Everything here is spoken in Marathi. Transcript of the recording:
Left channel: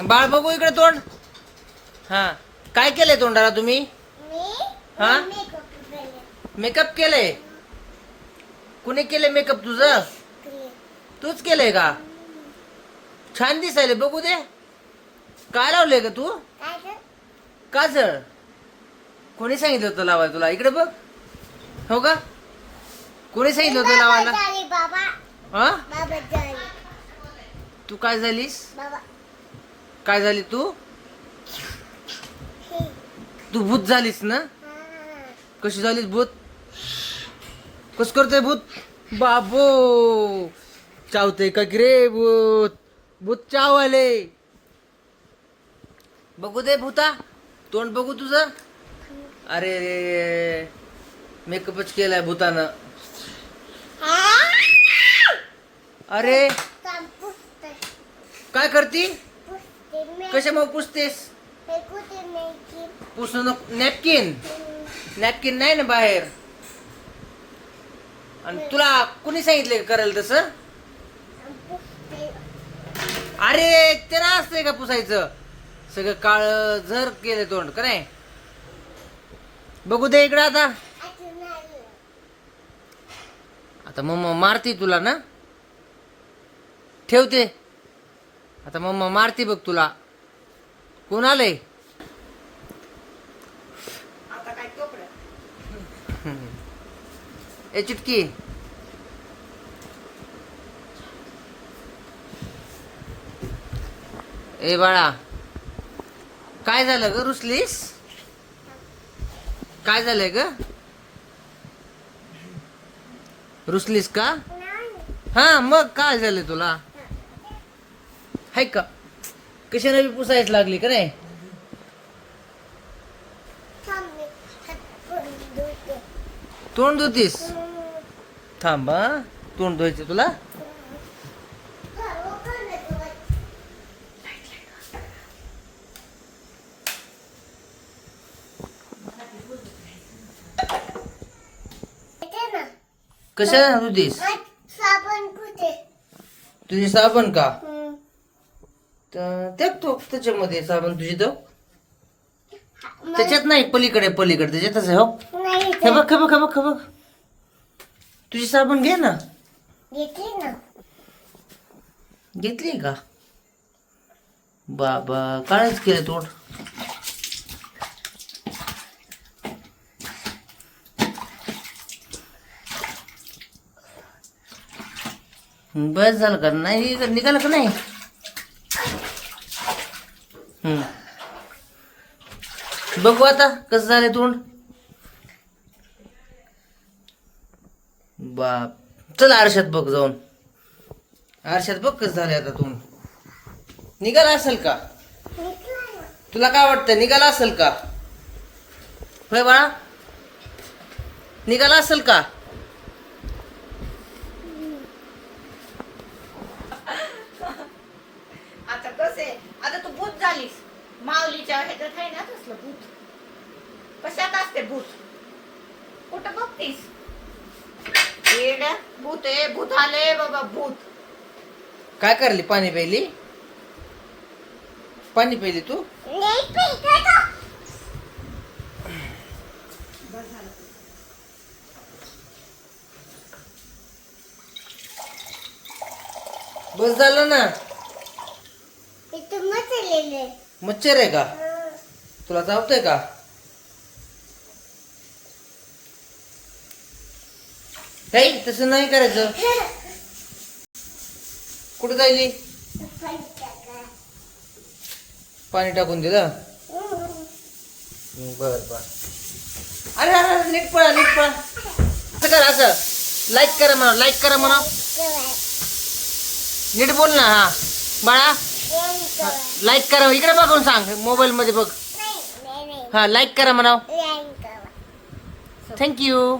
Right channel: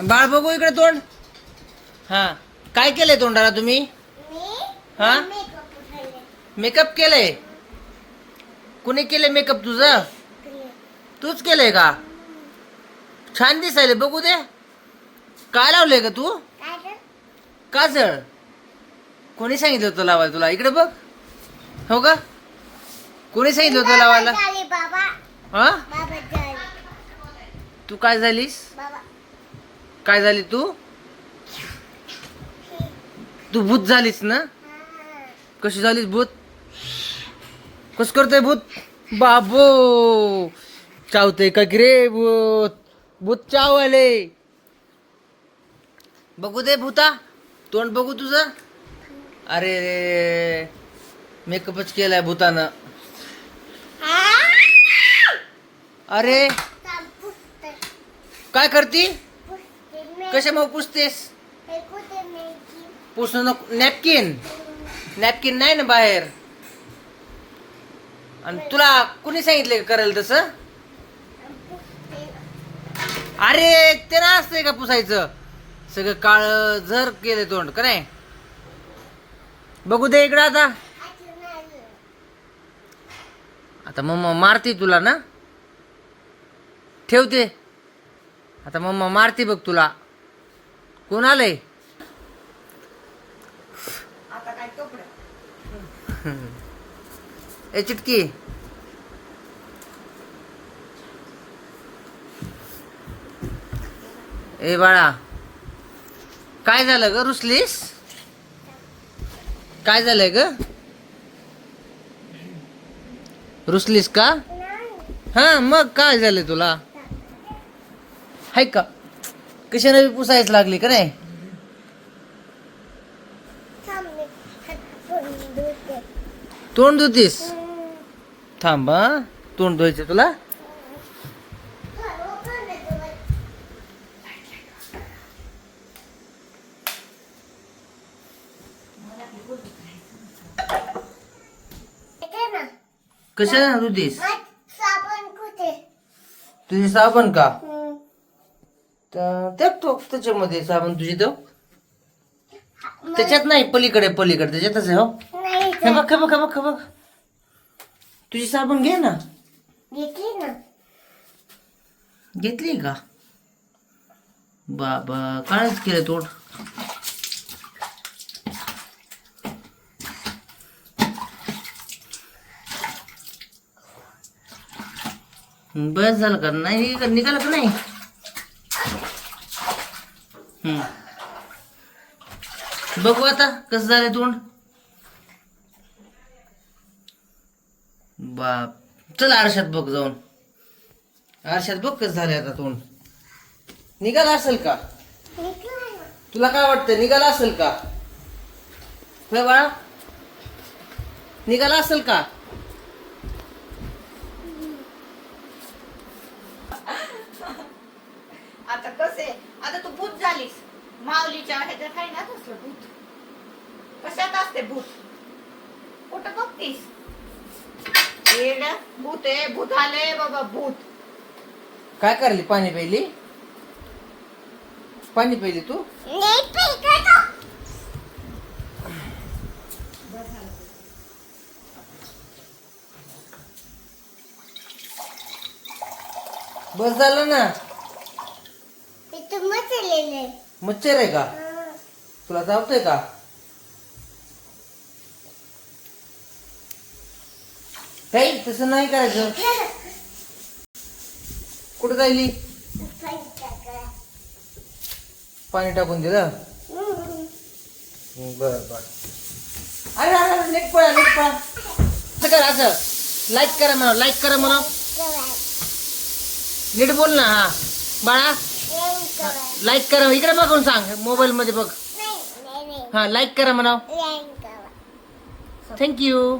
बाळ बघू इकडे तोंड. हा, काय केलंय तोंडाला तुम्ही? हा, मेकअप केलंय. कुणी केलंय मेकअप तुझं? तूच केलंय का? छान दिसायले बघू दे. काय लावलंय का तू? काजळ. कोणी सांगितलं होतं लावायला तुला? इकडे बघ. हो का? कोणी सांगितलं होतं लावायला? हा, तू काय झालीस? काय झाली तू? तू भूत झालीस ना? कशी झालीस भूत? कस करतोय भूत? बाबो, चावतय का की रे भूत? भूत चावले. बघू दे भूता, तोंड बघू तुझं. अरे रे, मेकअपच केलाय भूतानं. अरे काय करती? कशामुळे पुसतेस? पुसणं नको. नॅपकिन, नॅपकिन नाही ना बाहेर. आणि तुला कुणी सांगितलं करायला तसं? अरे ते ना असतंय का पुसायचं? सगळं काळ झर केलं तोंड का नाही? बघू दे इकडं आता. आता मम्मा मारती तुला ना? ठेवते आता. मम्मा मारती बघ तुला. कोण आलंय? ए चिटकी, ए बाळा, काय झालं ग? रुसलीस? काय झालंय ग? रुसलीस का? हा, मग काय झालंय तुला? हाय का? कशाने बी पुसायच लागली का नाही? तोंड धुतीस? थांब हा, तोंड धुवायचं तुला. कशाने धुतीस? तुझी साबण का? टाकतो त्याच्यामध्ये साबण तुझी. तो त्याच्यात नाही, पलीकडे पलीकडे त्याच्यातच आहे. हो, हे बघ हे बघ हे बघ हे बघ. तुझी साबण घे ना. घेतली का? बाबा, काळच केलं तोंड. बस झालं का? नाही निघालं का नाही? बघू आता कसं झालंय तोंड. बाप, चल आरशात बघ जाऊन. आरशात बघ कसं झालंय आता तोंड. निघाला असेल का? तुला काय वाटतं, निघाला असेल का? होय बाळा, निघाला असेल का? आता कसे, आता तू भूत झालीस. माऊलीच्या ह्याच्यात आहे ना तसलं भूत. कशात असते भूत? कुठं बघतीस? भूत आहे, भूत आले बाबा, भूत. काय करली? पाणी प्यायली? पाणी प्यायली तू? बस झालं ना. मच्छर आहे का? तुला चावतंय का? काही तसं नाही करायचं. कुठं जायली? पाणी टाकून दिलं. बर बर. अरे अरे, नीट पळा नीट पळा. असं करा, असं लाईक करा म्हणा, लाईक करा म्हणा. नीट बोल ना. हा बाळा, लाईक करा. इकडे बघून सांग, मोबाईल मध्ये बघ. हा, लाईक करा म्हणा. थँक्यू.